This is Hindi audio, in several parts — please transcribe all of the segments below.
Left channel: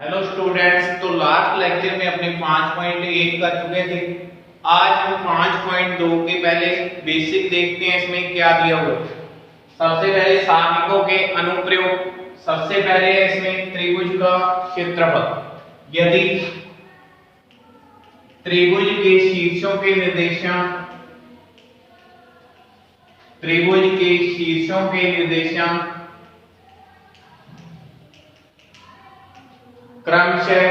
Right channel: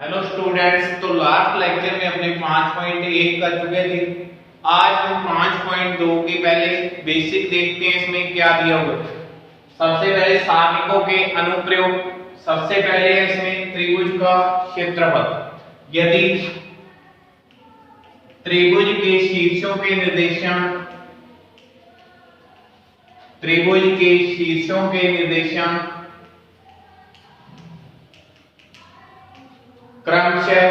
हेलो स्टूडेंट्स, तो लास्ट लेक्चर में अपने 5.1 कर चुके थे। आज हम 5.2 के पहले बेसिक देखते हैं। इसमें क्या दिया हुआ है। सबसे पहले सारणिकों के अनुप्रयोग। सबसे पहले है इसमें त्रिभुज का क्षेत्रफल। यदि त्रिभुज के शीर्षों के निर्देशांक क्रमशः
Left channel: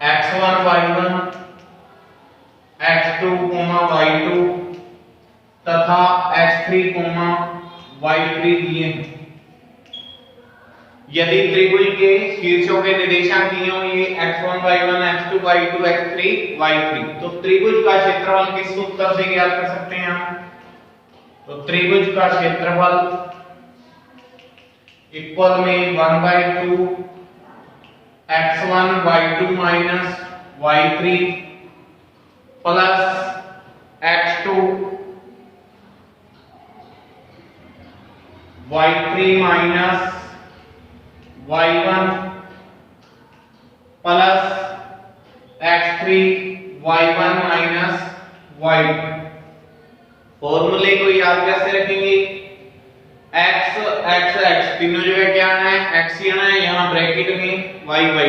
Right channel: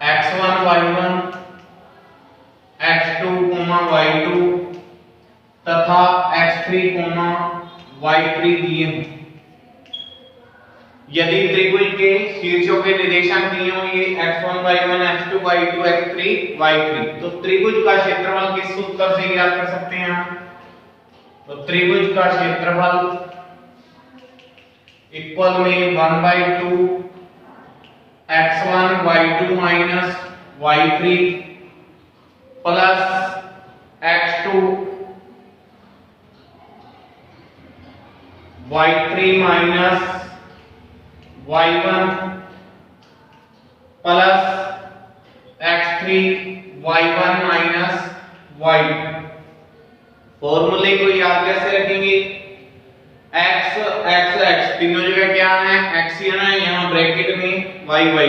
x1 y1 x2 y2 तथा x3 y3 दिए हैं। यदि त्रिभुज के शीर्षों के निर्देशांक दिए होंगे x1 y1 x2 y2 x3 y3, तो त्रिभुज का क्षेत्रफल किस सूत्र से ज्ञात कर सकते हैं हम? तो त्रिभुज का क्षेत्रफल इक्वल में 1/2 x1 y2 minus y3 plus x2 y3 minus y1 plus x3 y1 minus y2। फॉर्मूले को याद कैसे रखेंगे? x x x तीनों जगह क्या है? x ही है, यहाँ ब्रैकेट में y y।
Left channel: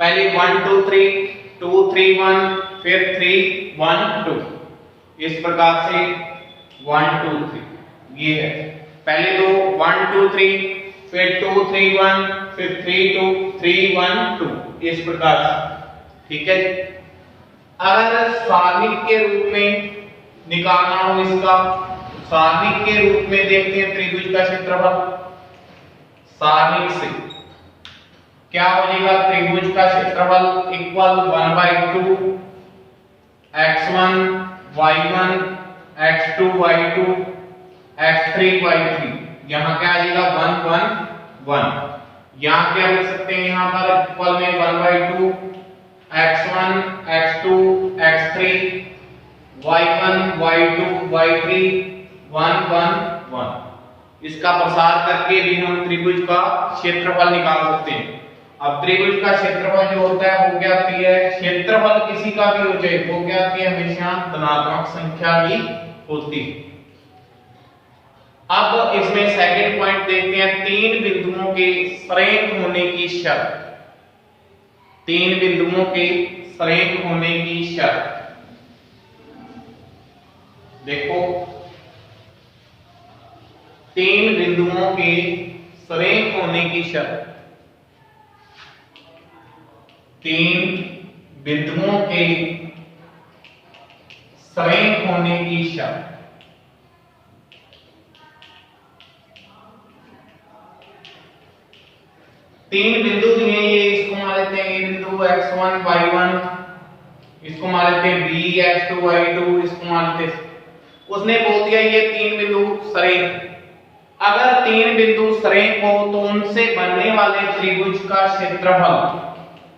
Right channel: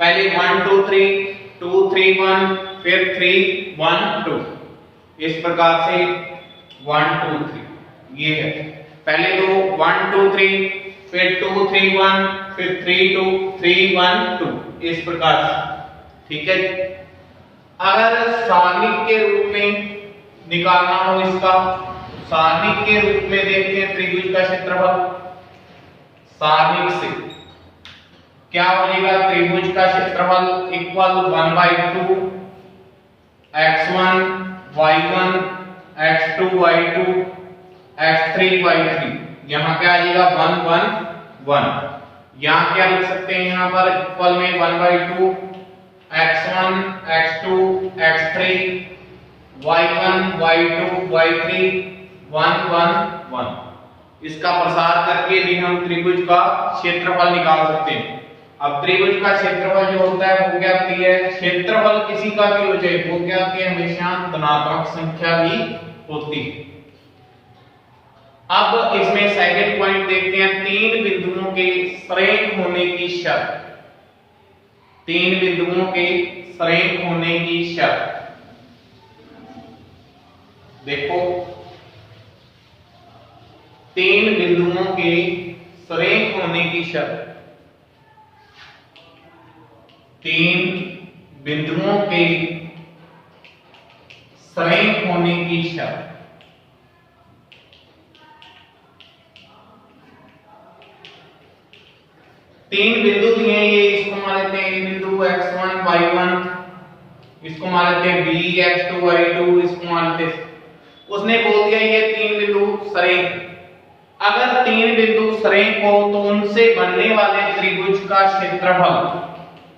पहले 1 2 3 2 3 1 फिर 3 1 2, इस प्रकार से 1 2 3 ये है। पहले तो 1 2 3 फिर 2 3 1 फिर 3 2 3 1 2, इस प्रकार से। ठीक है। अगर सारणिक के रूप में निकालना हो इसका, सारणिक के रूप में देखते हैं त्रिभुज का क्षेत्रफल। सारणिक से क्या हो जाएगा? त्रिभुज का क्षेत्रफल equal 1/2 x1 y1 x2 y2 x3 y3। यहां क्या आ जाएगा? 1 1 1। यहां क्या लिख सकते हैं? यहां पर इक्वल में 1/2 x1 x2 x3 y1 y2 y3 1 1 1। इसका प्रसार करके भी हम त्रिभुज का क्षेत्रफल निकाल सकते हैं। अब त्रिभुज का क्षेत्रफल जो होता है वो क्या होती है? क्षेत्रफल किसी का भी हो जाए वो क्या होती है? हमेशा धनात्मक संख्या ही होती है। अब इसमें सेकंड पॉइंट देखते हैं, तीन बिंदुओं के सरेख होने की शर्त। तीन बिंदुओं के सरेख होने की शर्त देखो, तीन बिंदुओं के सरेख होने की शर्त। तीन बिंदुओं के सरेख होने की शर्त। तीन बिंदु दिए हैं, ये इसको मान लेते हैं ए बिंदु x1 y1, इसको मान लेते हैं b x2 y2, इसको मान लेते हैं। उसने बोल दिया ये तीन बिंदु सरेख। अगर तीन बिंदु सरेख हो तो उनसे बनने वाले त्रिभुज का क्षेत्रफल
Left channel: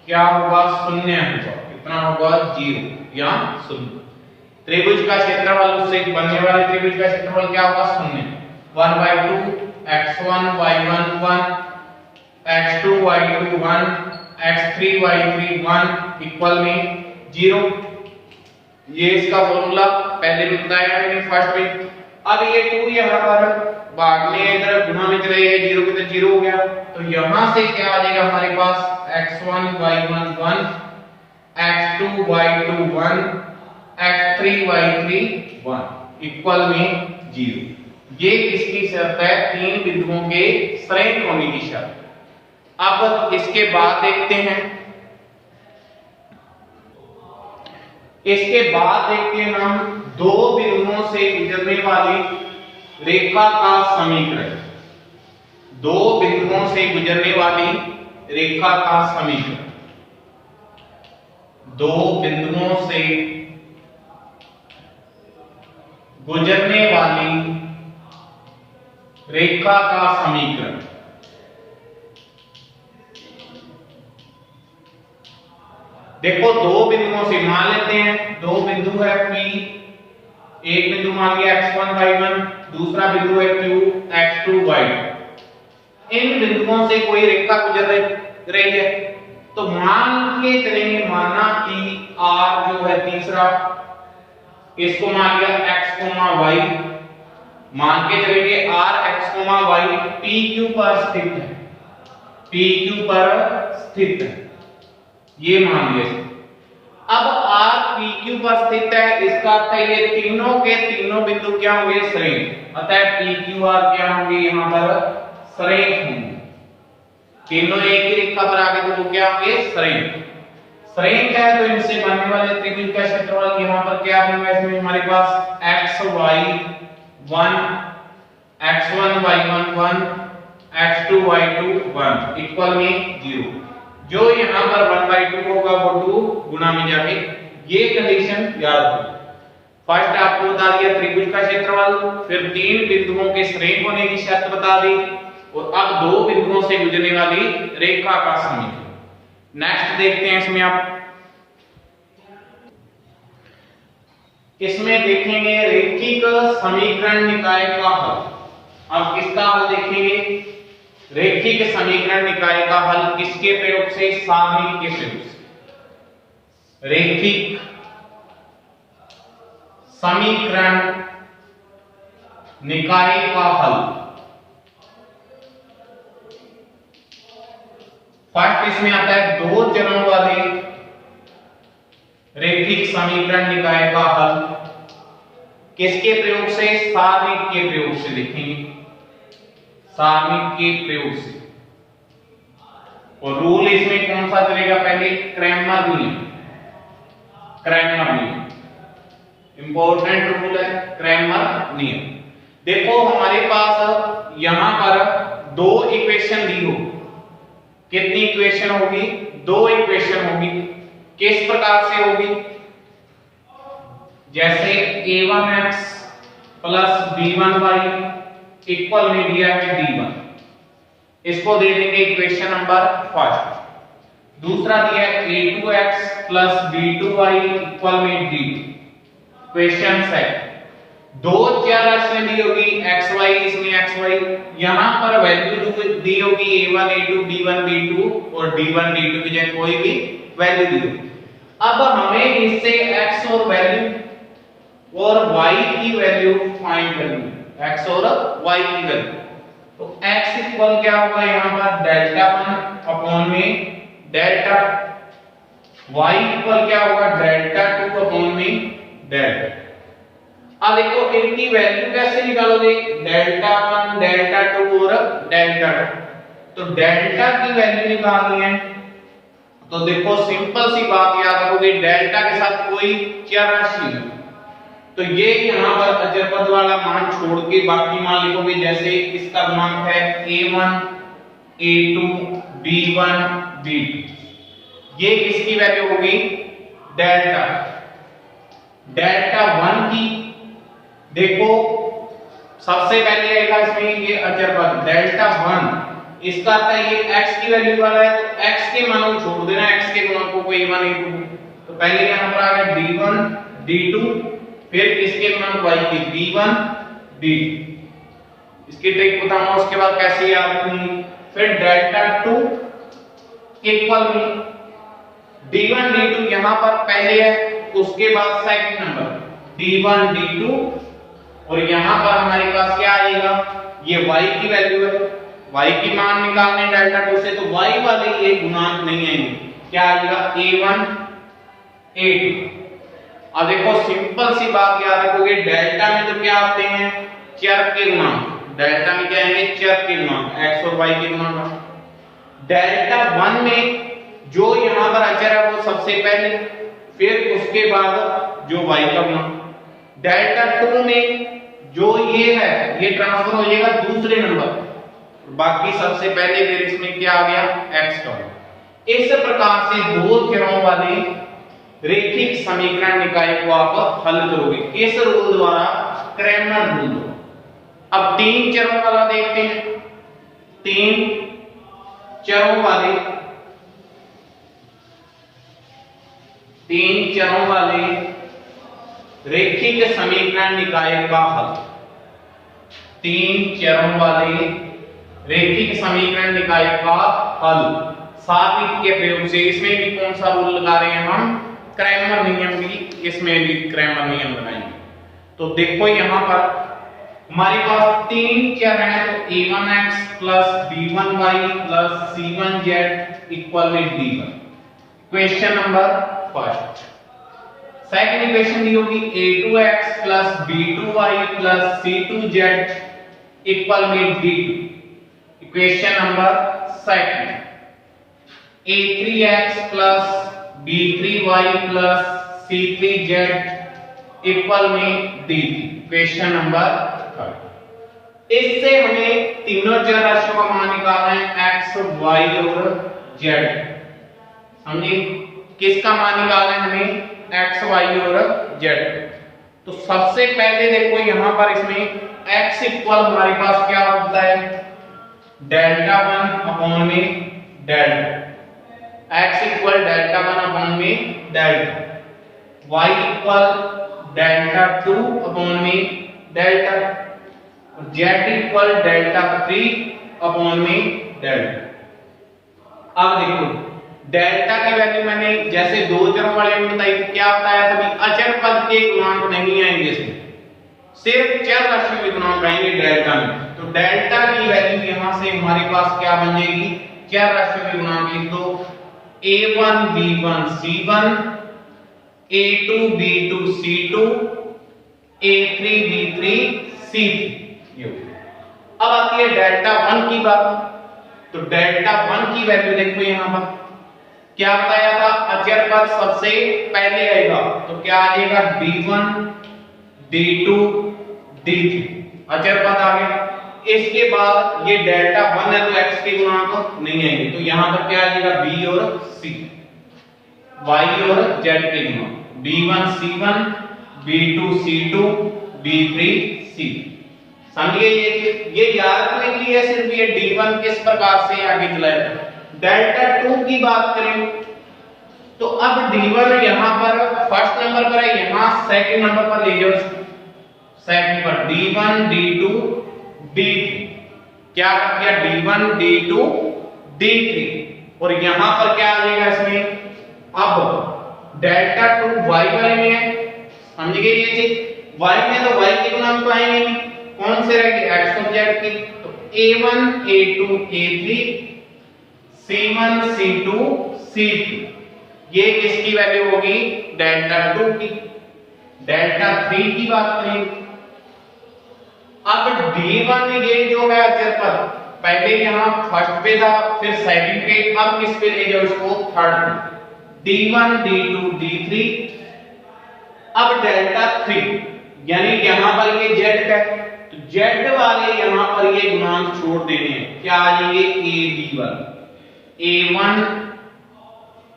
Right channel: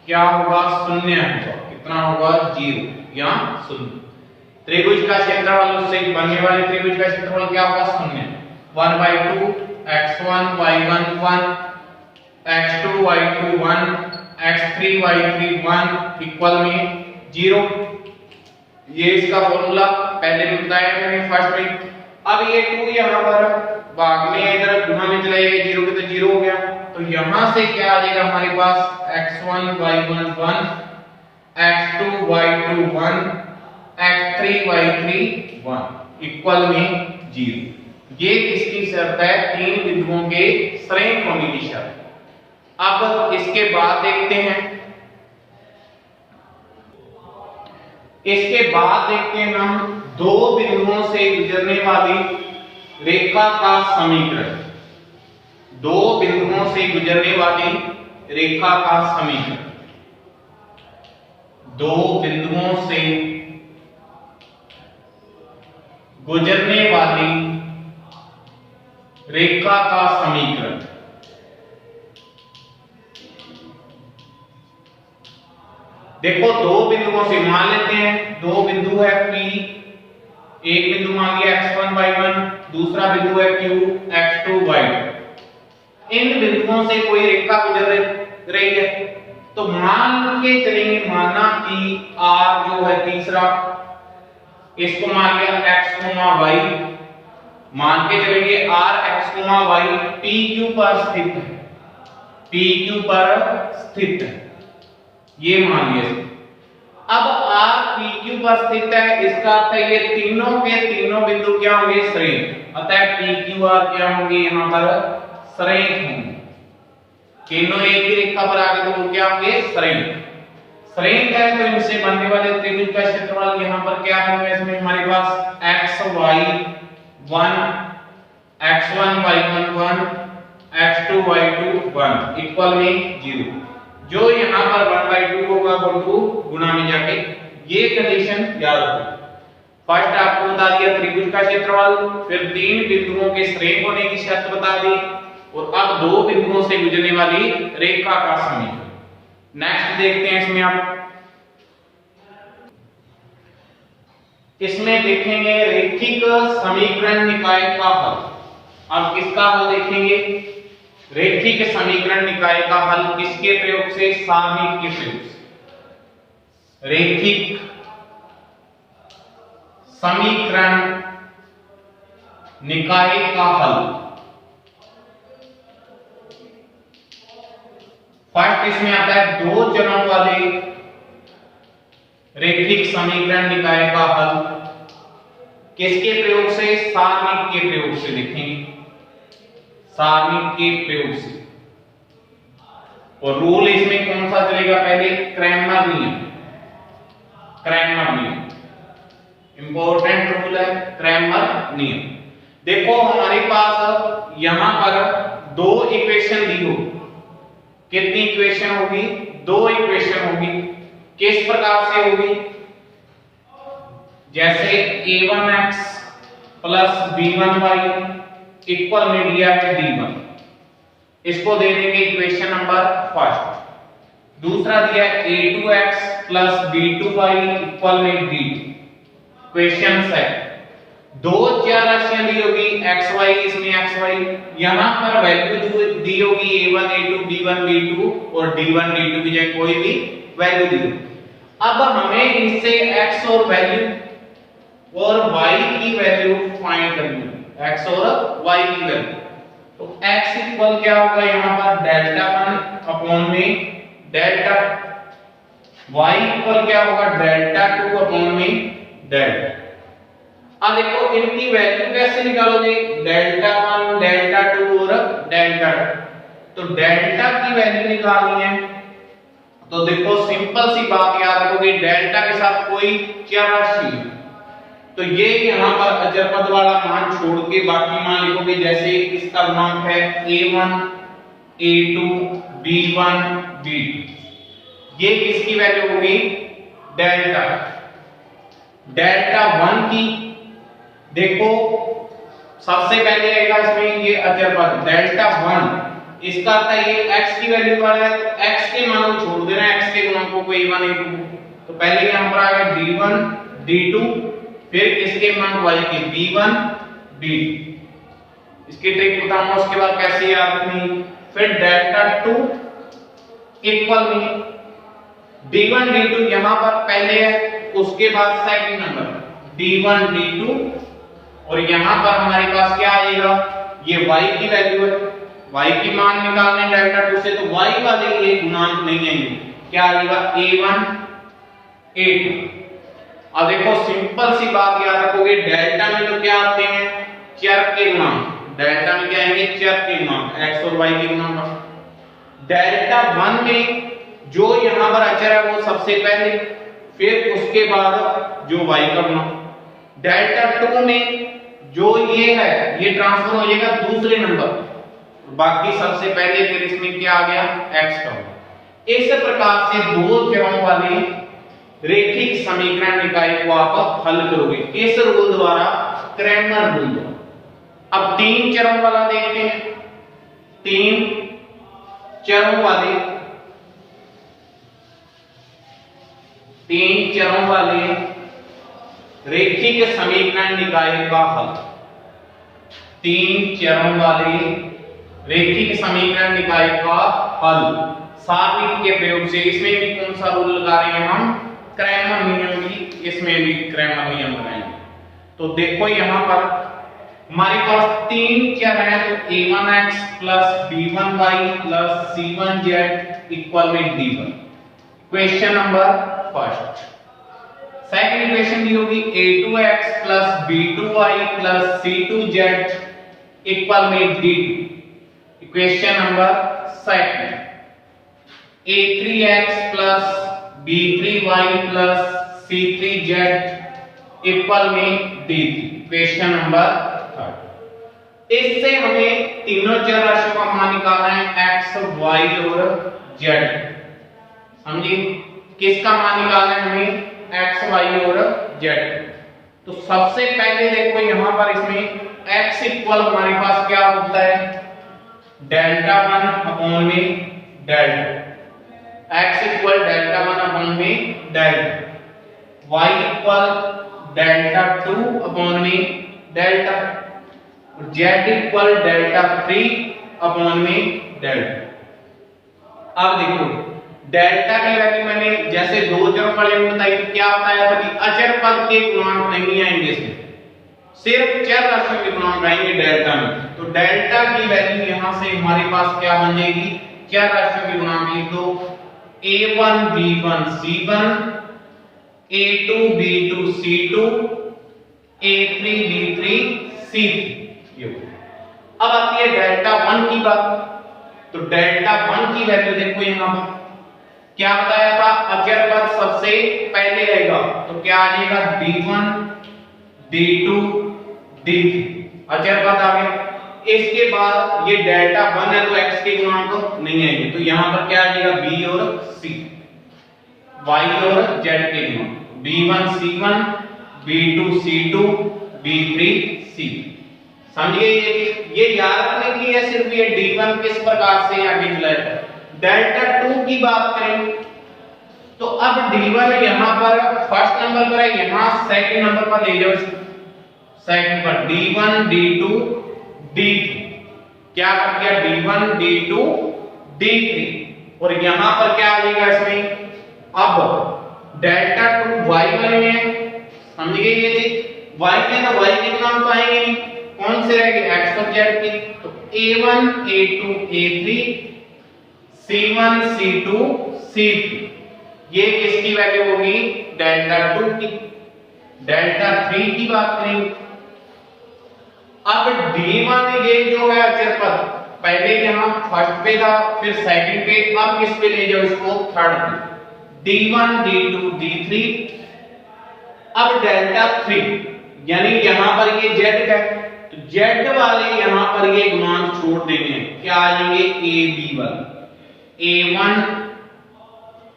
क्या होगा? शून्य होगा। कितना होगा? 0 या 0। त्रिभुज का क्षेत्रफल, उससे बनने वाले त्रिभुज का क्षेत्रफल क्या होगा? शून्य। 1/2 x1 y1 1 x2 y2 1 x3 y3 1 equal में 0। ये इसका फॉर्मूला पहले भी बताया मैंने फर्स्ट में। अब ये 2 यहां पर भाग में इधर गुणा में चला जाएगा, 0 के तो 0 हो गया। तो यहां से क्या आ जाएगा हमारे पास? x1 y1 1 x2 y2 1 x3 y3 1 equal में 0। ये किसकी शर्त है? तीन बिंदुओं के सरेख होने की शर्त। अब इसके बाद देखते हैं, इसके बाद देखते हैं हम दो बिंदुओं से गुजरने वाली रेखा का समीकरण। दो बिंदुओं से गुजरने वाली रेखा का समीकरण। दो बिंदुओं से गुजरने वाली रेखा का समीकरण। देखो, दो बिंदुओं से मान लेते हैं, दो बिंदु है P, एक बिंदु मान लिया x1 y1, दूसरा बिंदु है Q x2 y2। बिंदुओं से कोई रेखा गुजर रही है, तो मान के चलेंगे, माना कि R जो है तीसरा, इसको मान लिया x, y, मान के चलेंगे R x, y PQ पर स्थित है, PQ पर स्थित है, ये मान लिया। अब R PQ पर स्थित है, इसका अर्थ है ये तीनों के तीनों बिंदु क्या होंगे, सरेख, अतः PQR क्या होंगे, यहां पर सरेख होंगे, तीनों एक ही रेखा पर आगे तो वो क्या होंगे, सरेख। सरेख है तो इनसे बनने वाले त्रिभुज का क्षेत्रफल यहां पर क्या होगा, इसमें हमारे पास xy1 x1 y1 1 x2 y2 1 equal में 0, जो यहां पर 1/2 होगा वो 2 गुना में जाके, ये कंडीशन याद रखो। फर्स्ट आपको बता दिया त्रिभुज का क्षेत्रफल, फिर तीन बिंदुओं के सरेख होने की शर्त बता दी, और अब दो बिंदुओं से गुजरने वाली रेखा का समीकरण। नेक्स्ट देखते हैं, इसमें आप इसमें देखेंगे रेखिक समीकरण निकाय का हल। अब किसका हल देखेंगे, रेखिक समीकरण निकाय का हल किसके प्रयोग से, सारणिक के प्रयोग से। रेखिक समीकरण निकाय का हल, फर्स्ट इसमें आता है दो चरों वाले रेखिक समीकरण निकाय का हल, किसके प्रयोग से, सारणिक के प्रयोग से। देखेंगे सारणिक के प्रयोग से, और रूल इसमें कौन सा चलेगा, पहले क्रैमर नियम, क्रैमर नियम इंपॉर्टेंट रूल है, क्रैमर नियम। देखो हमारे पास यहां पर दो इक्वेशन दी हो, कितनी इक्वेशन होगी, दो इक्वेशन होगी, किस प्रकार से होगी, जैसे a1x प्लस b1y इक्वल में दिया है d1, इसको दे देंगे इक्वेशन नंबर फर्स्ट। दूसरा दिया है a2x प्लस b2y इक्वल में d2, इक्वेशन सेकंड। दो चार राशियां दी होगी xy, इसमें xy, यहां पर वैल्यू दी होगी a1 a2 b1 b2 और d1 d2 की जगह कोई भी वैल्यू दी होगी। अब हमें इससे x और वैल्यू और y की वैल्यू फाइंड करनी है, x और y की वैल्यू। तो x इक्वल क्या होगा, यहां पर डेल्टा 1 अपॉन में डेल्टा, y इक्वल क्या होगा, डेल्टा 2 अपॉन में डेल्टा। अब देखो इनकी वैल्यू कैसे निकालोगे, डेल्टा 1 डेल्टा 2 और डेल्टा 2। तो डेल्टा की वैल्यू निकालनी है, तो देखो सिंपल सी बात याद रखोगे, डेल्टा के साथ कोई चर राशि, तो ये यहां पर अचर पद वाला मान छोड़ के बाकी मान लिखोगे, जैसे इसका गुणांक है a1 a2 b1 b2, ये इसकी वैल्यू होगी डेल्टा, डेल्टा 1 की। देखो सबसे पहले आएगा इसमें ये अचर पद डेल्टा 1, इसका अर्थ है ये x की वैल्यू वाला है, तो x के मान को छोड़ देना, x के गुणांकों को a1 a2, तो पहले यहां पर आ गया d1 d2, फिर इसके गुणांक y के b1 b2। इसकी ट्रिक बताऊंगा उसके बाद कैसे याद रखनी। फिर डेल्टा 2 इक्वल में d1 d2 यहां पर पहले है, उसके बाद सेकंड नंबर d1 d2, और यहां पर हमारे पास क्या आएगा, ये y की वैल्यू है, y की मान निकालने डेल्टा 2 से, तो y वाले ये गुणांक नहीं आएंगे, क्या आएगा a1 a2। अब देखो सिंपल सी बात याद रखोगे, डेल्टा में तो क्या आते हैं, चर के गुणांक, डेल्टा में क्या आएंगे, चर के गुणांक, x और y के गुणांक। डेल्टा 1 में जो यहां पर अचर है वो सबसे पहले, फिर उसके बाद जो y का गुणांक। डेल्टा 2 में जो ये है ये ट्रांसफर हो जाएगा दूसरे नंबर, बाकी सबसे पहले फिर इसमें क्या आ गया, x का। इस प्रकार से दो चरों वाले रेखिक समीकरण निकाय को आप हल करोगे इस रूल द्वारा, क्रैमर रूल। अब तीन चरों वाला देखते हैं, तीन चरों वाले, तीन चरों वाले रेखिक समीकरण निकाय का हल, तीन चरों वाले रैखिक समीकरण निकाय का हल सारणिक के प्रयोग से। इसमें भी कौन सा रूल लगा रहे हैं हम, क्रैमर नियम भी, इसमें भी क्रैमर नियम लगाएंगे। तो देखो यहाँ पर हमारे पास तीन चर हैं, तो a1x b1y c1z इक्वल में d1, question number first. Second equation दी होगी a2x b2y c2z इक्वल में d2, equation number second. a3x b3y c3z equal में d3, क्वेश्चन नंबर थर्ड। इससे हमें तीनों चर राशियों का मान निकालना है x, y और z। समझे, किसका मान निकालना है हमें, x, y और z। तो सबसे पहले देखो यहाँ पर इसमें x इक्वल हमारे पास क्या होता है, डेल्टा 1 अपॉन में delta, x equal delta 1 upon में delta, y equal delta 2 upon में डेल्टा, और z इक्वल डेल्टा 3 अपॉन में डेल्टा। अब देखो डेल्टा की वैल्यू मैंने जैसे दो चरों वाले में बताई थी, क्या बताया था कि अचर पद के गुणांक नहीं आएंगे इसमें, सिर्फ चर राशि के गुणांक आएंगे डेल्टा में। तो डेल्टा की वैल्यू यहां से हमारे पास क्या बन जाएगी, चर राशि के गुणांक। तो a1 b1 c1, a2 b2 c2, a3 b3 c3। अब आती है डेल्टा 1 की बात। तो डेल्टा 1 की वैल्यू देखो यहां पर क्या बताया था, अचर पद सबसे पहले रहेगा, तो क्या आ जाएगा b1 b2 d3, अचर पद आ गया। इसके बाद ये डेल्टा 1 है तो x के गुणांक नहीं आएंगे, तो यहां पर क्या आ जाएगा b और c, y और z के गुणांक, b1 c1 b2 c2 b3 c। समझिए ये याद रखने के लिए सिर्फ ये d1 किस प्रकार से आगे चलाएगा। डेल्टा 2 की बात करें तो अब d1 यहां पर फर्स्ट नंबर पर है, यहां सेकंड नंबर पर ले जाओ, सेकंड पर d1 d2 d3, क्या कर दिया d1 d2 d3, और यहां पर क्या आ जाएगा इसमें, अब डेल्टा 2 y बनेंगे। समझिए ये चीज, y में तो y के गुणांक तो आएंगे नहीं, कौन से रहेंगे, x और z के। तो a1 a2 a3 c1 c2 c3, ये किसकी वैल्यू होगी, डेल्टा 2 की। डेल्टा 3 की बात करेंगे, अब d1 ये जो है अचर पद पहले यहां फर्स्ट पे था, फिर सेकंड पे, अब किस पे ले जाओ इसको, थर्ड पे, d1 d2 d3। अब डेल्टा 3 यानी यहां पर ये z है, तो z वाले यहां पर ये गुणांक छोड़ देने हैं, क्या आ जाएंगे a b1 a1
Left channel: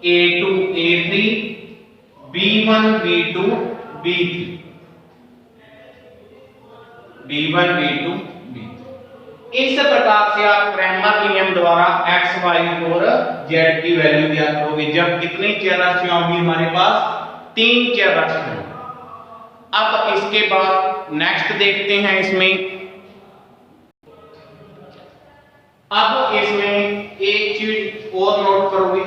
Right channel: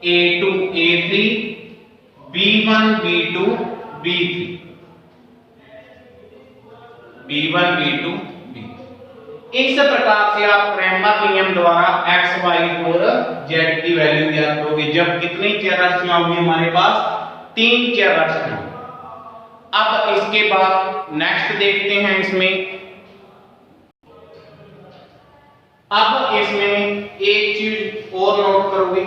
a2 a3 b1 b2 b3 b1 b2 b3। इस प्रकार से आप क्रैमर नियम द्वारा x y और z की वैल्यू ज्ञात करोगे जब कितनी चर राशियां होंगी हमारे पास, तीन चर राशियां। अब इसके बाद नेक्स्ट देखते हैं इसमें। अब इसमें एक चीज और नोट करोगे,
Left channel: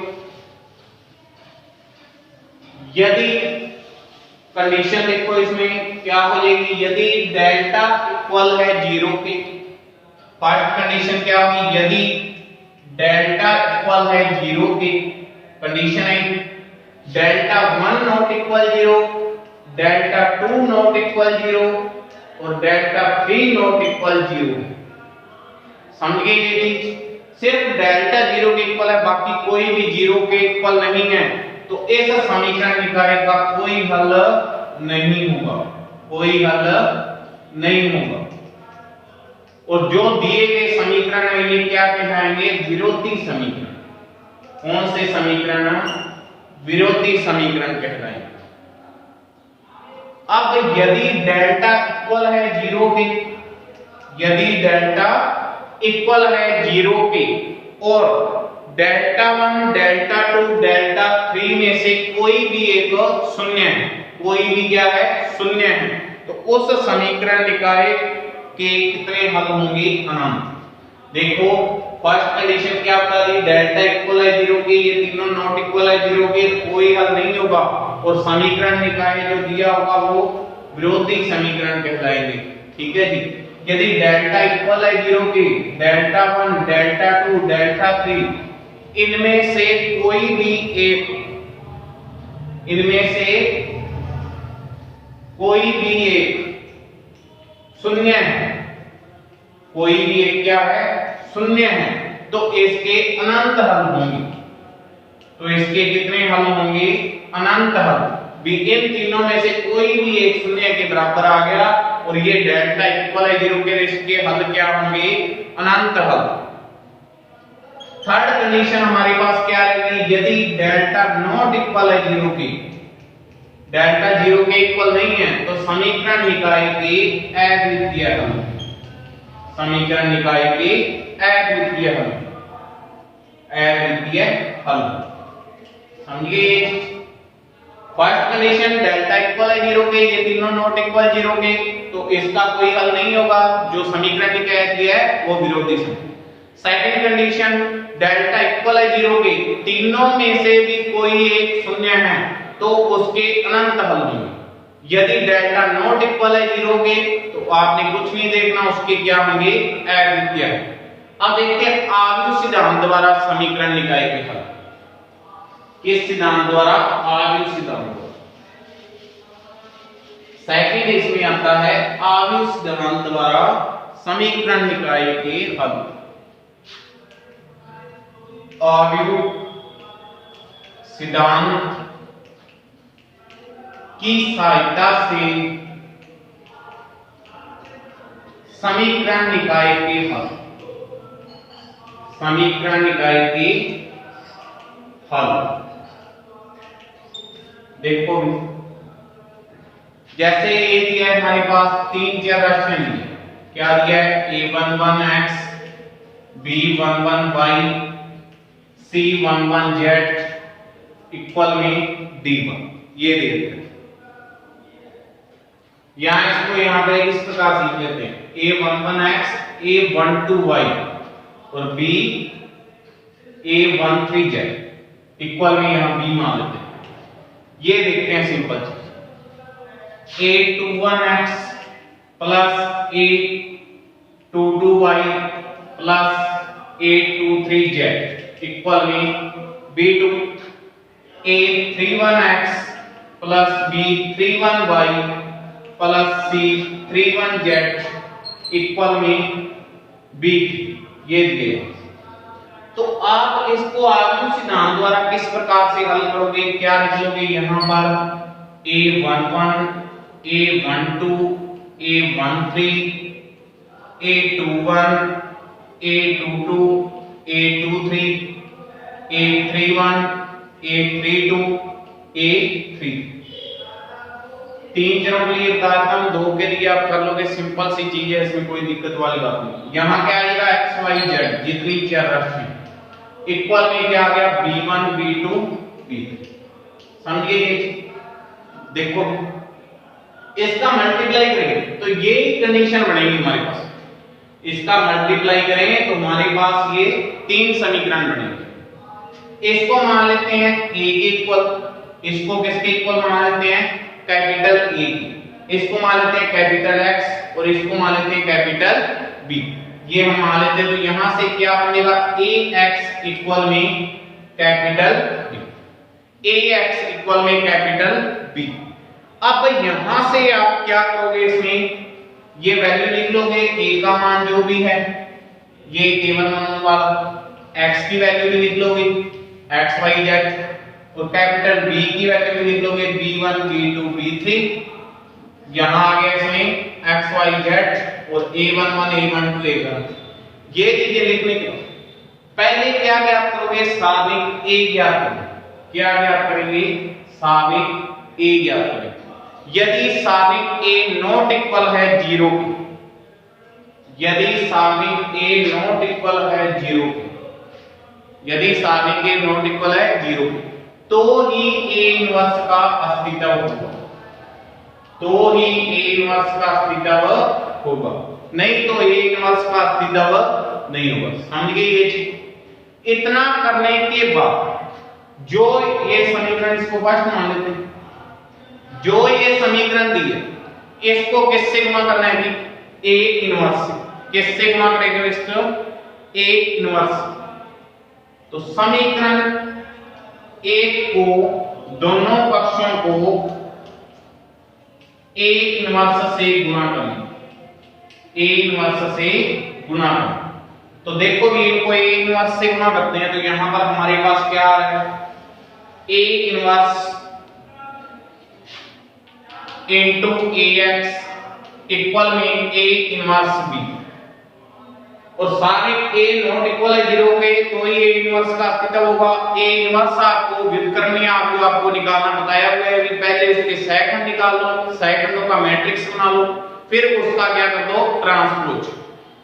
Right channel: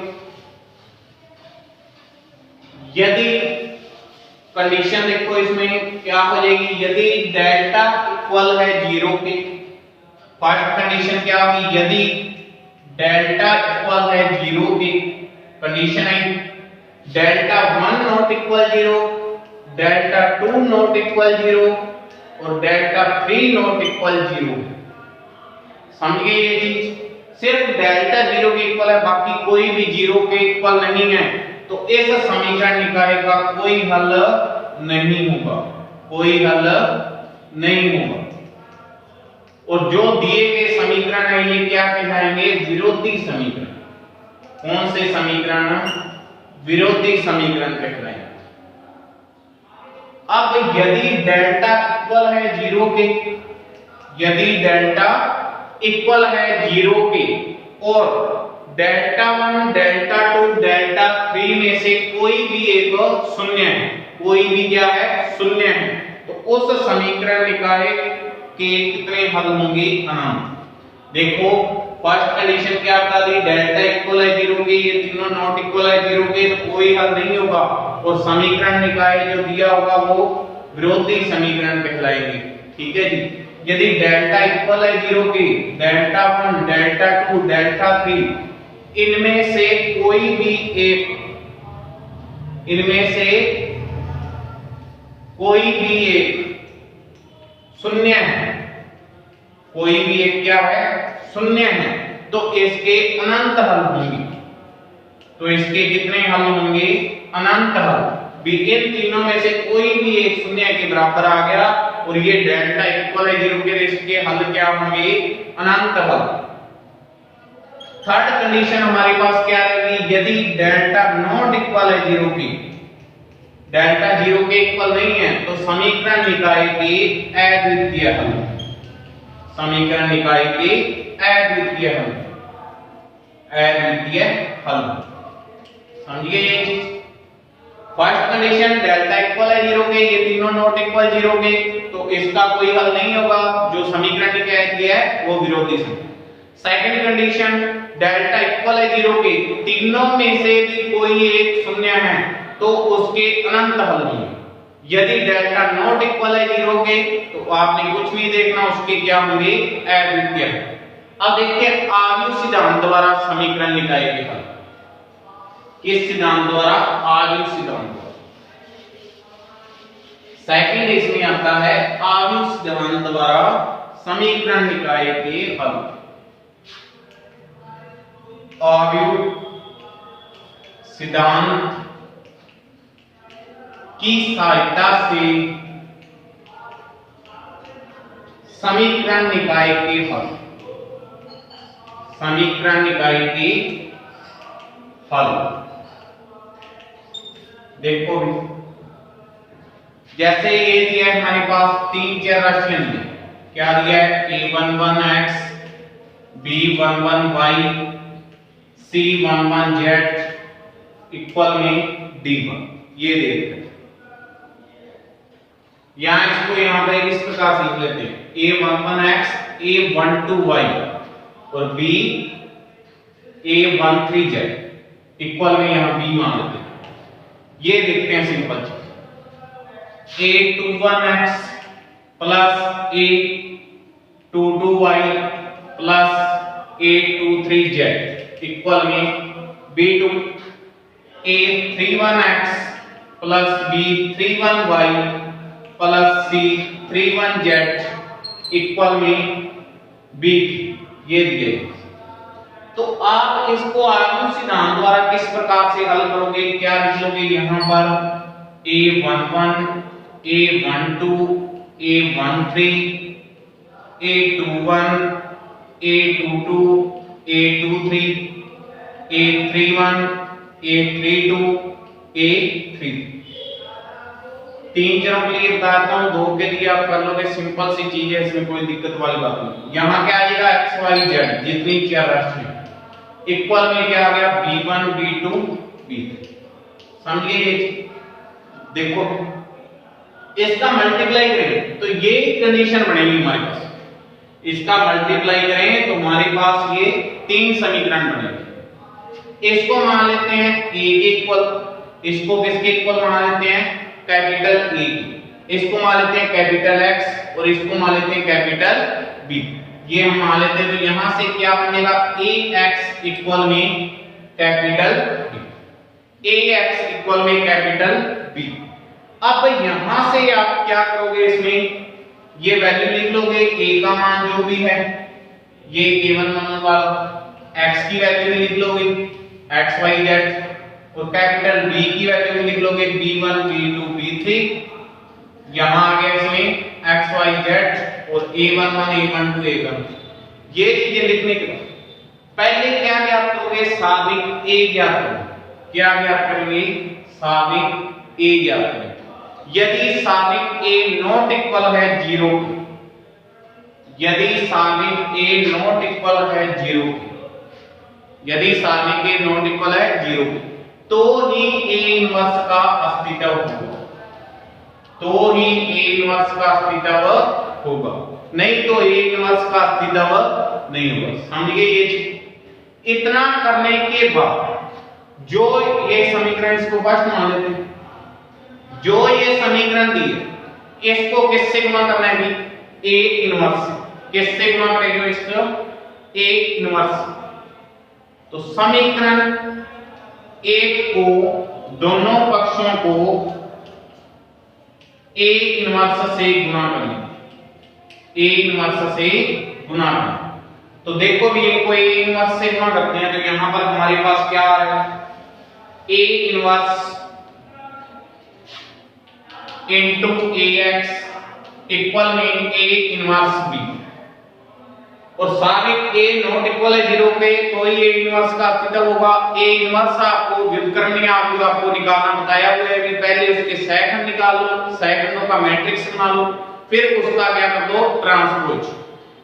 यदि कंडीशन देखो इसमें क्या हो जाएगी, यदि डेल्टा इक्वल है 0 के, फर्स्ट कंडीशन क्या होगी, यदि डेल्टा इक्वल है 0 के, कंडीशन है delta 1 not equal 0, delta 2 not equal 0 और डेल्टा 3 नॉट इक्वल 0। समझ गए ये चीज, सिर्फ डेल्टा 0 के इक्वल है, बाकी कोई भी 0 के इक्वल नहीं है, तो इस समीकरण निकाय का कोई हल नहीं होगा, कोई हल नहीं होगा। और जो दिए गए समीकरण है ये क्या कहलाएंगे, विरोधी समीकरण। कौन से समीकरण, विरोधी समीकरण कहलाएंगे। अब यदि डेल्टा इक्वल है 0 के, यदि डेल्टा इक्वल है 0 के और डेल्टा 1 डेल्टा 2 डेल्टा 3 में से कोई भी एक शून्य है, कोई भी क्या है, शून्य है, तो उस समीकरण निकाय के कितने हल होंगे, अनंत। देखो फर्स्ट कंडीशन क्या बता दी, डेल्टा इक्वल है 0 के, ये तीनों नॉट इक्वल है 0 के, तो कोई हल नहीं होगा और समीकरण निकाय जो दिया होगा वो विरोधी समीकरण कहलाएंगे। ठीक है जी। यदि डेल्टा इक्वल है 0 के, डेल्टा 1, डेल्टा 2, डेल्टा 3, इनमें से कोई भी एक, इनमें से कोई भी एक शून्य है, कोई भी एक क्या है, शून्य है, तो इसके अनंत हल होंगे। तो इसके कितने हल होंगे, अनंत हल। इन तीनों में से कोई भी एक शून्य के बराबर आ गया और ये डेल्टा इक्वल है 0 के, इसके हल क्या होंगे, अनंत हल। थर्ड कंडीशन हमारे पास क्या रहेगी, यदि डेल्टा नॉट इक्वल है 0 के, डेल्टा 0 के इक्वल नहीं है, तो समीकरण निकाय के अद्वितीय हल, समीकरण निकाय के अद्वितीय हल, अद्वितीय हल। समझिए फर्स्ट कंडीशन डेल्टा इक्वल है 0 के, ये तीनों नॉट इक्वल 0 के, तो इसका कोई हल नहीं होगा, जो समीकरण निकाय दिया है वो विरोधी समीकरण। सेकंड कंडीशन डेल्टा इक्वल है 0 के, तीनों में से भी कोई एक शून्य है, तो उसके अनंत हल होंगे। यदि डेल्टा नॉट इक्वल है 0 के, तो आपने कुछ नहीं देखना, उसके क्या होंगे, अद्वितीय। अब देखिए आव्यूह सिद्धांत द्वारा समीकरण निकाय के हल, किस सिद्धांत द्वारा, आव्यूह सिद्धांत द्वारा। सेकंड इसमें आता है आव्यूह सिद्धांत द्वारा समीकरण निकाय के हल। आव्यूह सिद्धांत की सहायता से समीकरण निकाय के हल, समीकरण निकाय के हल। देखो जैसे ये दिया है हमारे पास, तीन चर राशियां दी, क्या दिया है, a11x, b11y, c11z इक्वल में d1, ये देखते हैं। यहां इसको यहां पे इस प्रकार से लिख लेते हैं, a11x, a12y और b a13z इक्वल में यहां b मान लेते हैं। ये देखते हैं simple, a21x plus a22y plus a23z equal में b2, a31x plus b31y plus c31z equal में b3, ये दिए। तो आप इसको आव्यूह सिद्धांत द्वारा किस प्रकार से हल करोगे, क्या लिखोगे, यहां पर a11, a12, a13, a21, a22, a23, a31, a32, a3। तीन चरों के लिए बताता हूं, दो के लिए आप कर लोगे, सिंपल सी चीज है, इसमें कोई दिक्कत वाली बात नहीं। यहां क्या आएगा, x y z जितनी चर राशि इक्वल में क्या आ गया, b1, b2, b3। समझिए ये देखो, इसका मल्टीप्लाई करें तो ये कंडीशन बनेगी हमारे पास, इसका मल्टीप्लाई करें तो हमारे पास ये तीन समीकरण बनेंगे। इसको मान लेते हैं a इक्वल, इसको किसके इक्वल मान लेते हैं, कैपिटल A, इसको मान लेते हैं कैपिटल X और इसको मान लेते हैं कैपिटल B। ये हम मान लेते हैं, तो यहां से क्या बनेगा, ax इक्वल में कैपिटल B, ax इक्वल में कैपिटल B। अब यहां से आप क्या करोगे, इसमें ये वैल्यू लिख लोगे, a का मान जो भी है, ये a11 वाला, x की वैल्यू भी लिख लोगे x y z, और कैपिटल B की वैल्यू भी लिख लोगे b1, b2, b3। यहां आ गया इसमें x y z और a11, a12, a13। ये चीजें लिखने के पहले क्या ज्ञात करोगे, साबिक a ज्ञात करोगे। क्या ज्ञात करेंगे, साबिक a ज्ञात करेंगे। यदि साबिक a नॉट इक्वल है 0, यदि साबिक a नॉट इक्वल है 0, यदि साबिक a नॉट इक्वल है 0, तो ही a इनवर्स का अस्तित्व होगा, तो ही a इनवर्स का अस्तित्व होगा, नहीं तो a इनवर्स का अस्तित्व नहीं होगा। समझिए ये चीज। इतना करने के बाद जो ये समीकरण, इसको फर्स्ट मान लेते हैं, जो ये समीकरण दिए इसको किससे गुणा करना है जी? ए इनवर्स से। किससे गुणा करेंगे इसको? A inverse. तो समीकरण एक को, दोनों पक्षों को ए इनवर्स से गुणा करें। ए इनवर्स से गुणा करें। तो देखो भी इनको ए इनवर्स से गुणा करते हैं तो यहां पर हमारे पास क्या है? A inverse into ax equal में ए इनवर्स बी। और सारे ए नॉट इक्वल है 0 पे तो ये ए इनवर्स का अस्तित्व होगा। ए इनवर्स आपको व्युत्क्रमणीय आव्यूह आपको निकालना बताया हुआ है। पहले उसके सहखंड निकाल लो, सहखंडों का मैट्रिक्स बना लो, फिर उसका क्या कर दो? ट्रांसपोज।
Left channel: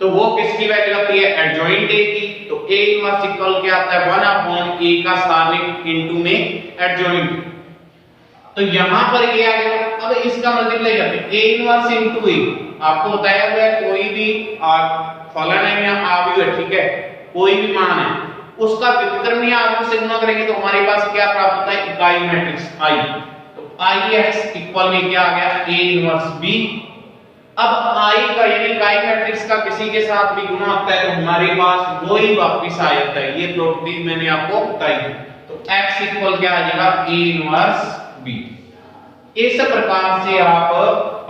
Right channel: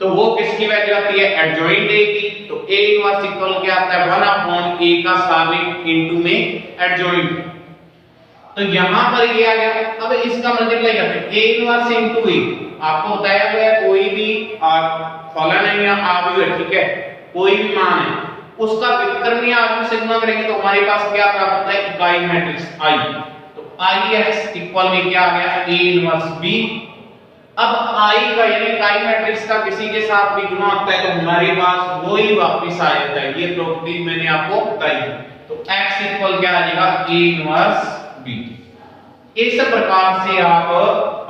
तो वो किसकी वैल्यू आती है? एडजॉइंट ए की। तो ए इनवर्स इक्वल क्या आता है? 1/a का सारणिक इनटू में एडजॉइंट। तो यहां पर ये आ गया। अब इसका मल्टीप्लाई करते हैं, a इनवर्स इनटू a। आपको बताया हुआ है कोई भी फलन है या आव्यूह है, ठीक है, कोई भी मान है, उसका व्युत्क्रमणीय आव्यूह से गुणा करेंगे तो हमारे पास क्या प्राप्त होता है? इकाई मैट्रिक्स I। तो Ix इक्वल में क्या आ गया? a inverse b। अब I का यानी इकाई मैट्रिक्स का किसी के साथ भी गुणा होता है तो हमारे पास वो ही वापस आ जाता है। ये प्रॉपर्टी मैंने आपको बताई है। तो x इक्वल क्या आ जाएगा? a inverse b। इस प्रकार से आप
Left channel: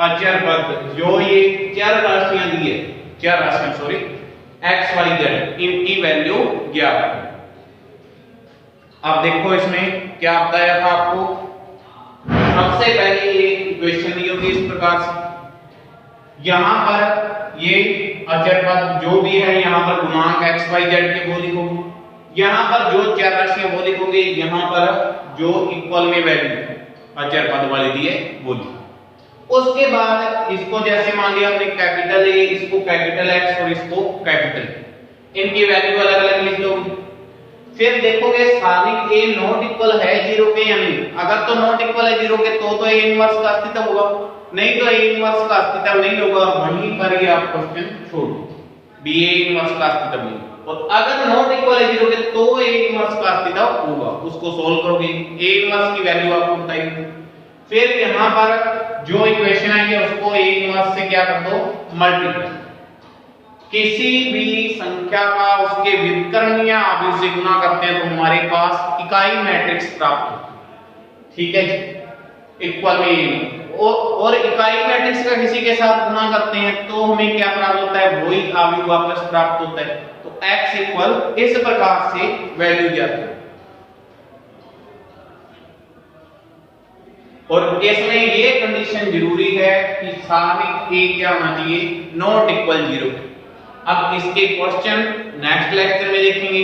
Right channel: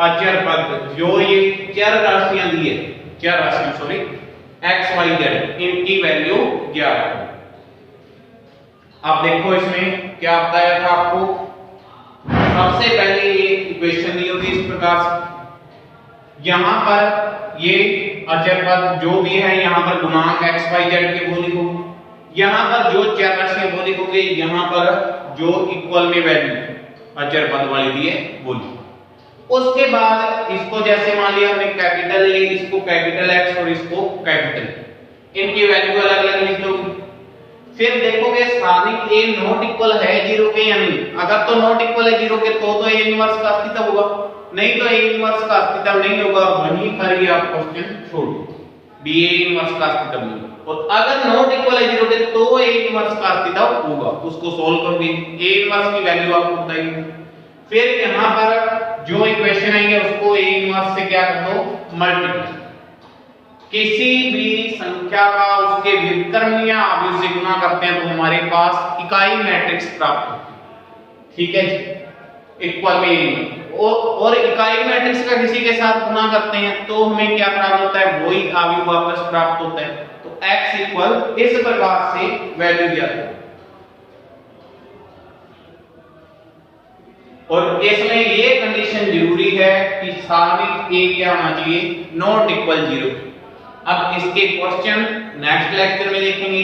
अचर पद, जो ये चर राशियां दी है, चर राशियां सॉरी x y z, इनकी वैल्यू ज्ञात है। अब देखो इसमें क्या बताया था आपको। सबसे पहले ये इक्वेशन दी होगी इस प्रकार से। यहां पर ये अचर पद जो भी है, यहां पर गुणांक x y z के वो लिखोगे, यहां पर जो चर राशियां वो लिखोगे, यहां पर जो इक्वल में वैल्यू अचर पद वाली दी है वो लिखो। उसके बाद इसको जैसे मान लिया हमने कैपिटल ए, इसको कैपिटल एक्स और इसको कैपिटल, इनकी वैल्यू अलग अलग लिख लोगे। फिर देखोगे सारणिक ए नॉट इक्वल है 0 के या नहीं। अगर तो नॉट इक्वल है 0 के तो ए इनवर्स का अस्तित्व होगा, नहीं तो ए इनवर्स का अस्तित्व नहीं होगा। वहीं पर ये आप क्वेश्चन छोड़ दो, बी ए इनवर्स का अस्तित्व नहीं होगा। और अगर नॉट इक्वल है 0 के तो ए इनवर्स का अस्तित्व होगा। उसको सोल्व करोगे, ए इनवर्स की वैल्यू आपको बताइए। फिर यहां पर जो इक्वेशन आएंगे उसको ए इनवर्स से क्या कर दो? मल्टीप्लाई। किसी भी संख्या का उसके व्युत्क्रमणीय आव्यूह से गुणा करते हैं तो हमारे पास इकाई मैट्रिक्स प्राप्त होती है, ठीक है, इक्वल में। और इकाई मैट्रिक्स का किसी के साथ गुणा करते हैं तो हमें क्या प्राप्त होता है? वही आव्यूह वापस प्राप्त होता है। तो x इक्वल इस प्रकार से वैल्यू दिया है। और इसमें ये कंडीशन जरूरी है कि सारणिक ए क्या होना चाहिए? Not equal 0। अब इसके क्वेश्चन नेक्स्ट लेक्चर में देखेंगे।